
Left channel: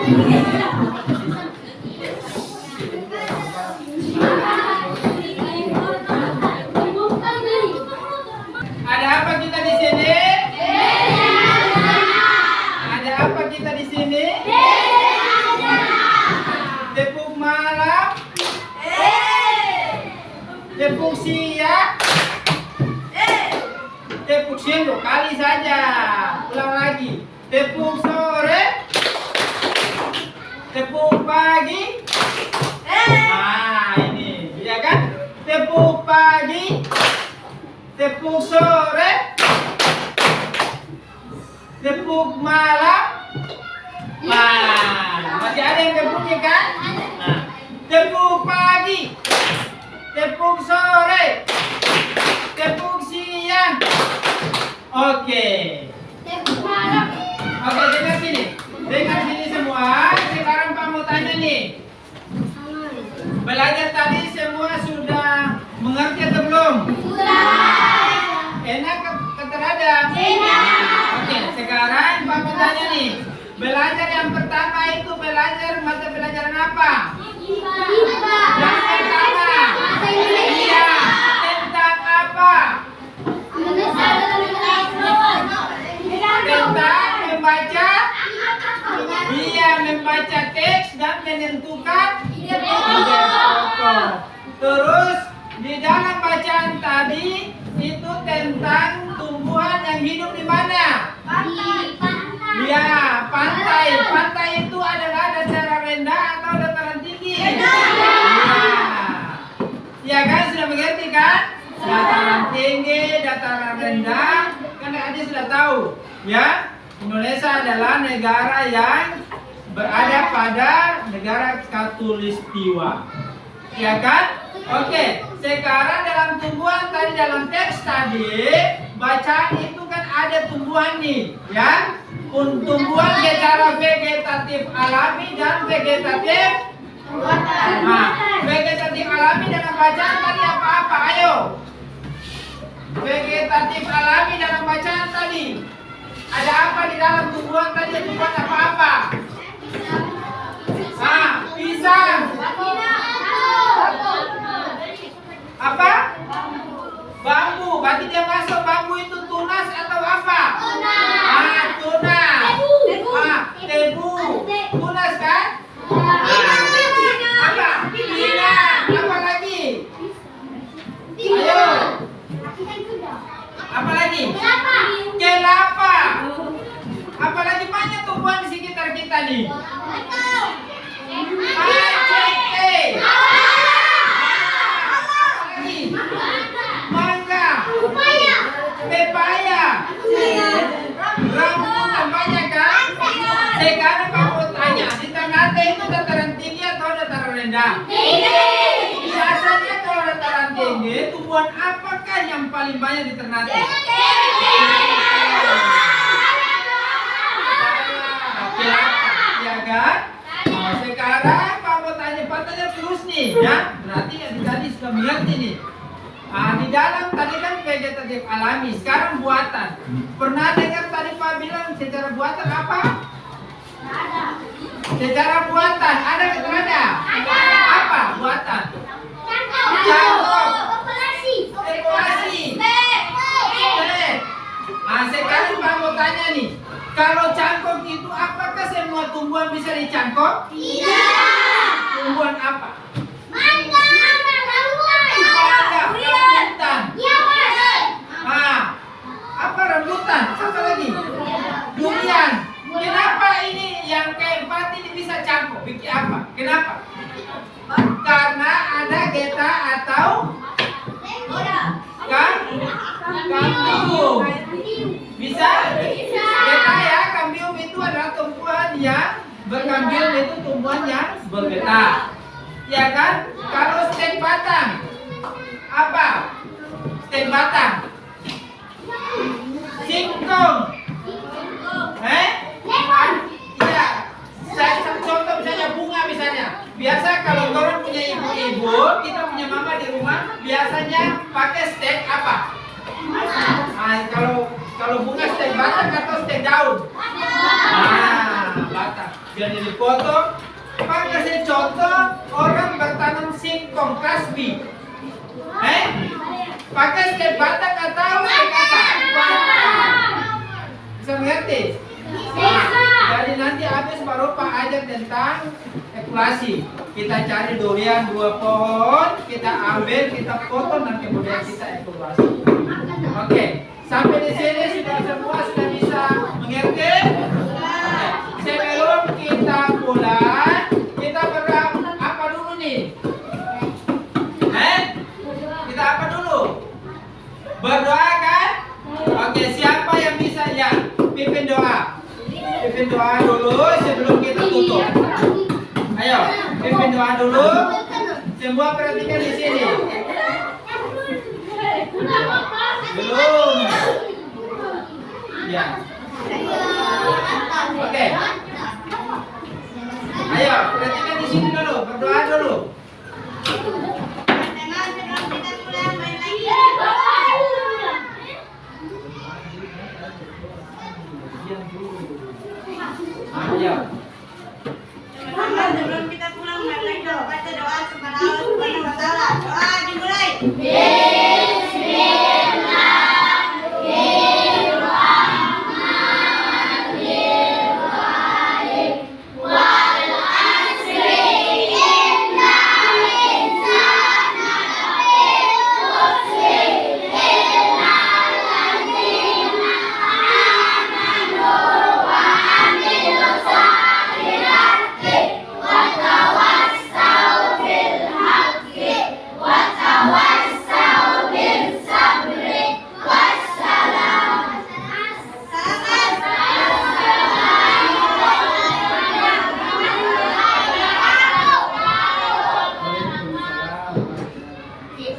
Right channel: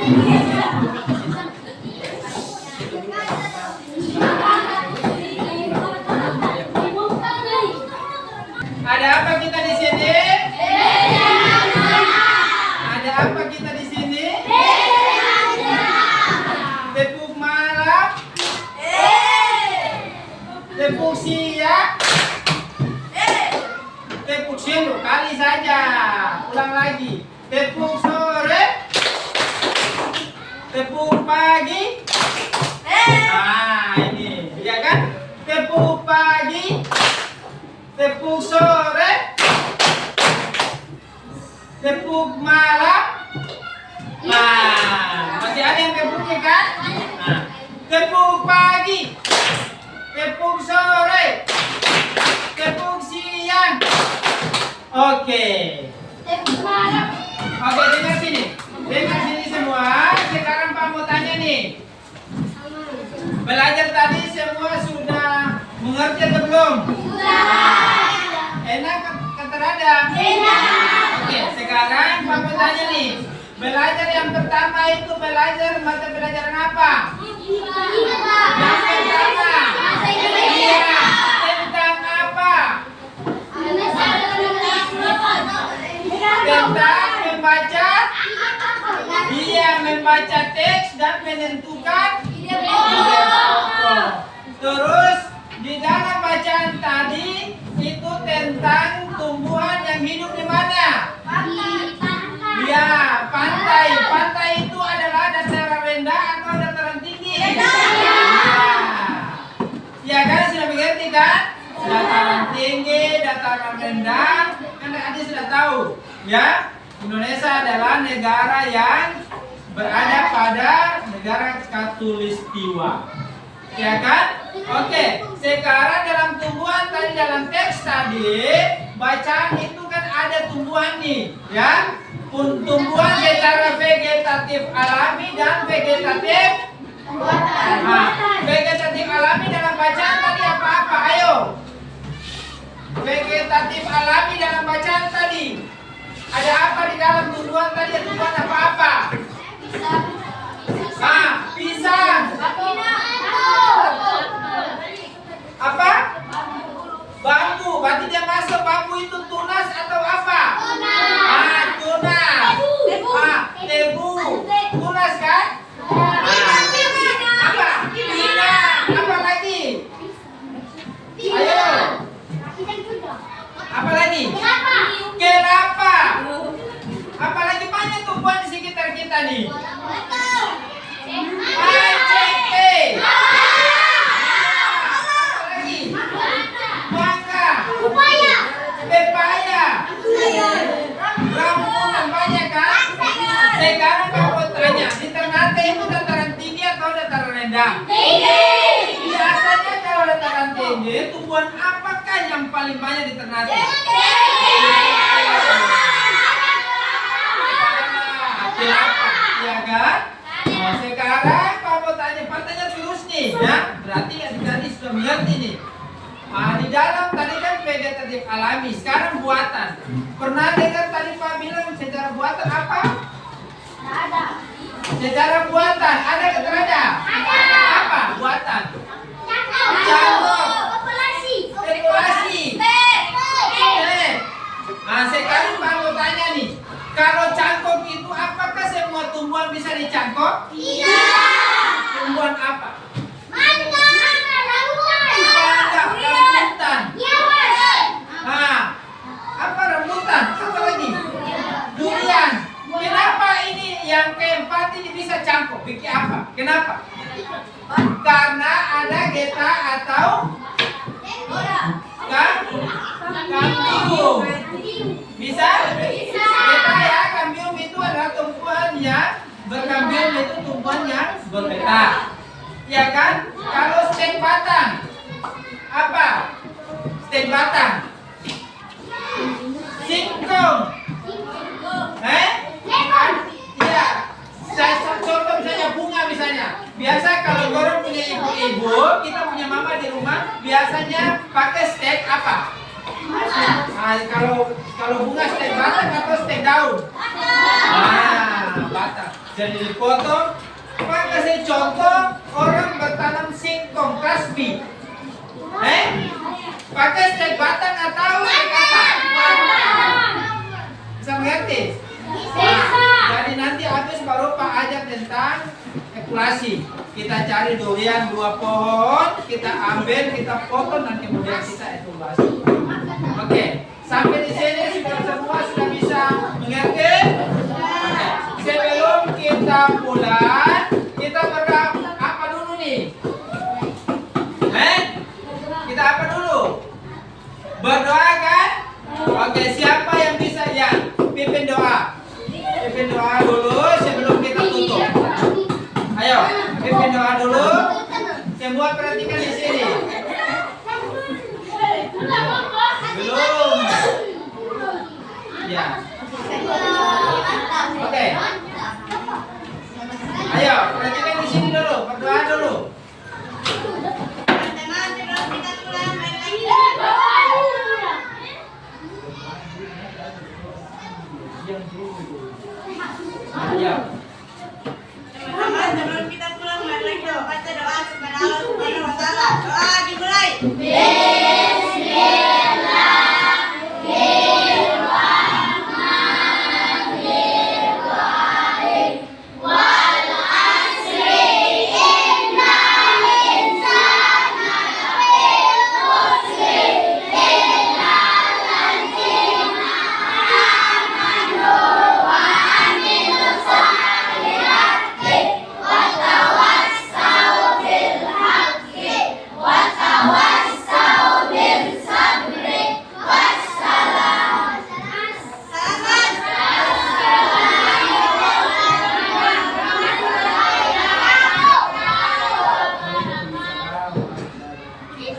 Ada apa kita di sini? Ada apa kita di sini? Tepuk malam, tepuk siang, tepuk siang 2 kali saja. Ulang lagi. Tepuk sore, tepuk pagi. Nah, ini, ya kan? Tepuk pagi, tepuk sore, tepuk malam. Nah, masih ada yang tepuknya kan? Nah, tepuk pagi, tepuk sore, tepuk siang. Oke. Oke, dengar sini. Dengar sini semua. Sekarang Pak mau tanya nih. Belajar tadi semua sudah mengerti atau belum? Enak kata Rada? Oke, sekarang Pak mau tanya nih. Belajar yang pertama itu belajar mata pelajaran apa? Yang pertama. Iya. Tentang apa? Tentang membaca. Iya, membaca teks dan menentukan ide pokok. Terus di dalam bacaan tadi itu tentang tumbuhan yang hidup di mana? Ya, pantai. Pantai itu adalah dataran rendah atau dataran tinggi? Ya kan, sudah mengerti kan? Dataran tinggi, dataran rendah, kan adik sudah tahu. Ya, Indonesia adalah negara yang berada pada negara khatulistiwa. Ya kan? Oke, sekarang dalam tumbuhan tadi, dalam teks tadi, bacaan itu kan ada tumbuhan nih, ya. Tumbuhan secara vegetatif alami dan vegetatif buatan. Nah, vegetatif alami dalam bacaan tadi apa-apa? Ayo. Vegetatif alami dalam bacaan tadi. Ada apa di dalam tumbuhan tadi? Tumbuhan apa-apa? Nah, pisang. Apa? Bambu. Berarti dia masuk bambu itu tunas atau apa? Ah, tunas. Tebu. Tunas kan? Apa? Pinang. Apa lagi? Ayo. Apa lagi? Kelapa. Apalagi banyak tumbuhan di sekitar kita nih. Cengkeh. Apalagi? Mangga. Pepaya. Rambutan banyak kan? Sekarang Pak mau tanya, di Ternate itu dataran tinggi atau dataran rendah? Biasanya kalau dataran tinggi, tumbuhan apakah yang paling banyak di Ternate? Ya kan? Nah, sekarang Pak mau tanya terus nih, ya. Berarti tadi sudah mengerti nih. Nah, di dalam tadi kan vegetatif alami, sekarang buatan. Pernah dengar tadi Pak bilang secara buatan apa? Ada. Secara buatan, ada atau ada? Ada. Apa buatan? Cangkok. Populasi. Nah, sekarang Pak mau tanya nih. Kalau cangkok itu apakah semua tumbuhan bisa dicangkok? Tidak. Tumbuhan apa? Mangga, rambutan. Nah, apa rambutan? Apa lagi? Durian. Kenapa ini yang keempat ini bisa cangkok? Pikir apa? Kenapa? Karena ada geta atau kambium. Bisa? Geta ya, kambium itu adalah tumbuhan yang berkambium, itu tumbuhan yang bergetah. Ya kan? Kalau stek batang, apa? Stek batang. Singkong. Ya. Saya contoh misalnya bunga misalnya. Biasa kalau orang punya ibu-ibu, kita punya mama di rumah, biasanya pakai stek apa? Nah, kalau bunga stek batang atau stek daun? Nah, batang. Jadi dipotong. Pak kasih contoh orang bertanam singkong kasbi. Pakai stek batang atau stek apa? Bisa mengerti? Jadi nanti habis baru Pak ajar tentang ekulasi. Kita cari durian 2 pohon, kita ambil, kita potong, dan kemudian kita ekulasi. Oke, sampai di sini sudah semua sudah bisa mengerti? Oke, sebelum kita pulang, kita apa dulu nih? Kita apa dulu? Berdoa kan? Oke, siapa yang bisa ya? Pimpin doa. Pimpin doa dulu sebelum kita tutup. Ayo, pimpin doa dulu. Semua perhatikan di sini. Belum. Ya. Oke. Ayo, perhatikan di sini dulu. Berdoa dulu. Ayo. Sebelum kita pulang, mari kita baca doa kepada Allah Subhanahu wa Ta'ala. Doa dimulai.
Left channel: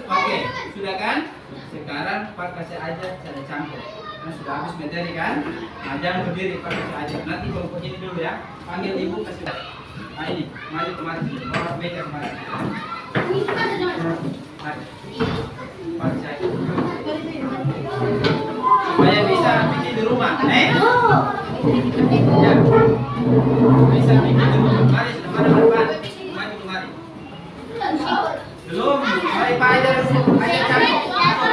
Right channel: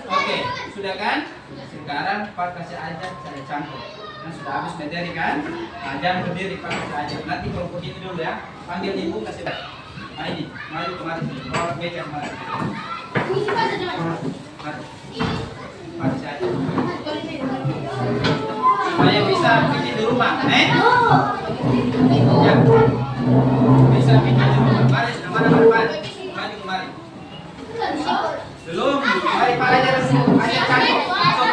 Oke, sudah kan? Sekarang Pak kasih ajar cara cangkok. Karena sudah habis materi kan? Nah, jangan berdiri, Pak kasih ajar. Nanti kalau begini dulu ya, panggil ibu kasih. Nah ini, mari kemari, bawa meja kemari. Mari. Pak kasih ajar. Supaya bisa bikin di rumah, Ya. Bisa bikin di rumah. Mari, mana Pak? Maju kemari. Belum, mari Pak ajar cangkok. So,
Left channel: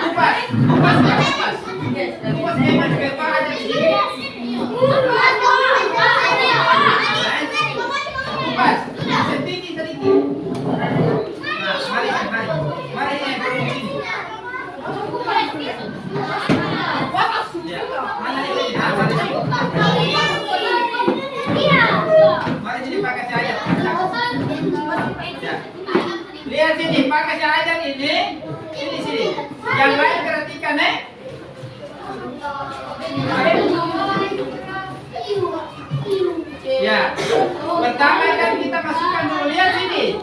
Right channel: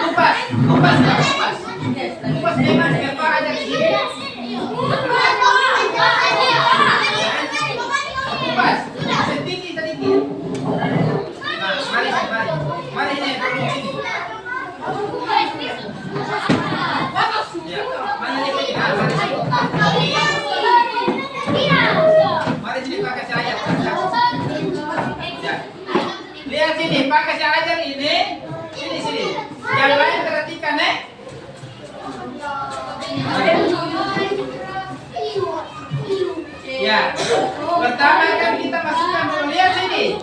kupas nggak kupas? Kupas jangan biar Pak ajar di sini. Kupas, sedikit. Nah, mari ini baru sini. Ya, mana nih? Mari sini. Mari sini Pak kasih ajar. Ya. Lihat sini, Pak kasih ajar ini. Sini. Yang lain perhatikan, Ya. Pertama kan kita masukkan dulu. Lihat sini.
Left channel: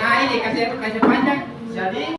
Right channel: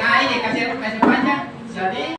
Nah, ini kasih panjang. Jadi